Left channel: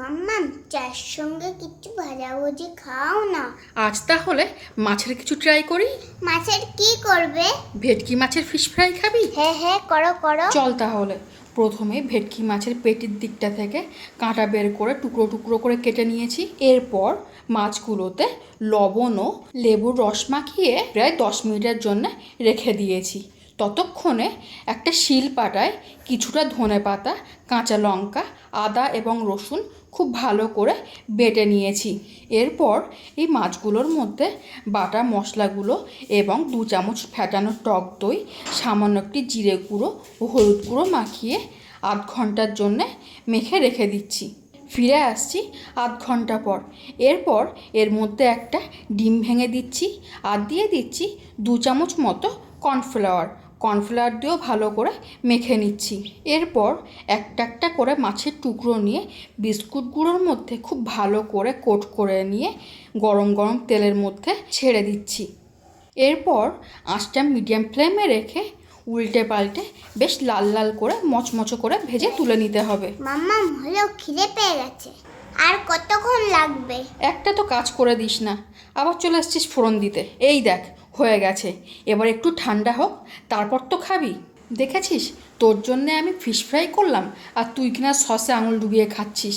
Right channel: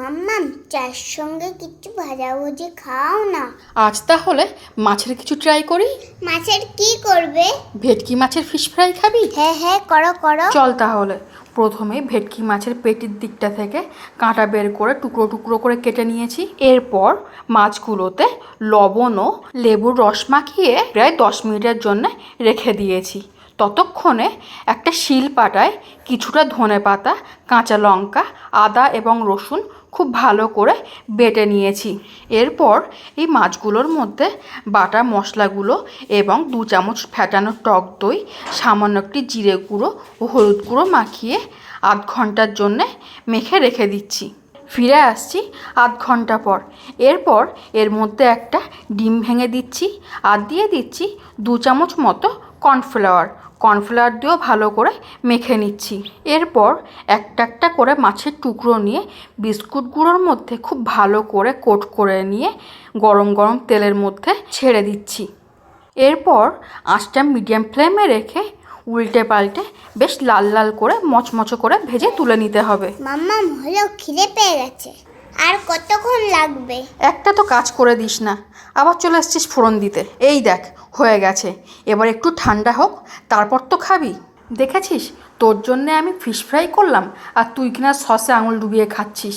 মাম্মাম চার সঙ্গে কিছু ভাজাভুজি খাও না। আজ তাহলে মাছের কিছু ট্রাই করি। মাছের কি করবে? ভেটকি মাছের ফিশ ফ্রাই খাবি? হ্যাঁ হ্যাঁ, করো করো। চল তাহলে। প্রথমে ভেটকি মাছের পেটির দিকটা থেকে কাঁটা বের করে টুকরো টুকরো করে কেটে নিয়েছি। এরপর মাছগুলোতে লবণ ও লেবুর রস মাখিয়ে প্রায় 10 মিনিটের জন্য রেখে দিয়েছি। ততক্ষণে একটা শিলপাটায় কিছুটা ধনেপাতা, কাঁচা লঙ্কা, আদা এবং রসুন খুব ভালো করে বেটে নিয়েছি। এরপর এই মাছগুলোর মধ্যে বাটা মশলাগুলো এবং 2 চামচ ফ্যাটানো টক দই, সামান্য একটি জিরে গুঁড়ো ও হলুদ গুঁড়ো মাখিয়ে আধ ঘন্টার জন্যে মেখে রেখে দিচ্ছি। ফিরে আসছি আধ ঘন্টা পর। এরপর এর মধ্যে একটা ডিম ভেঙে দিচ্ছি আর দিয়ে দিচ্ছি 2 চামচ মতো কর্নফ্লাওয়ার দিয়েও ভালো করে মেখে নিচ্ছি। এরপর একটা একটা করে মাছের টুকরো নিয়ে বিস্কুট গুঁড়োর মধ্যে খুব ভালো করে কোট করে নিয়ে গরম গরম তেলের মধ্যে ছেড়ে দিচ্ছি। এরপর আঁচটা মিডিয়াম ফ্লেমে রেখে উল্টে পাল্টে বেশ লাল লাল করে মচমচো করে ভেজে তুলে নিতে হবে। মাম্মাম হলো, খিদে পেয়ে গেছে। আর কতক্ষণ লাগবে? একটা তো কাজ করে দিস না, আবার চলে এসছিস ফোড়ন দিতে। এই দেখ হয়ে গেছে, এবার একটু ঠান্ডা হোক তারপর তো খাবি। দেখেছিস, তোর জন্যে আমি ফিশ ফ্রাই করলাম আর তুই কিনা সসে আঙুল ডুবিয়ে খাচ্ছিস।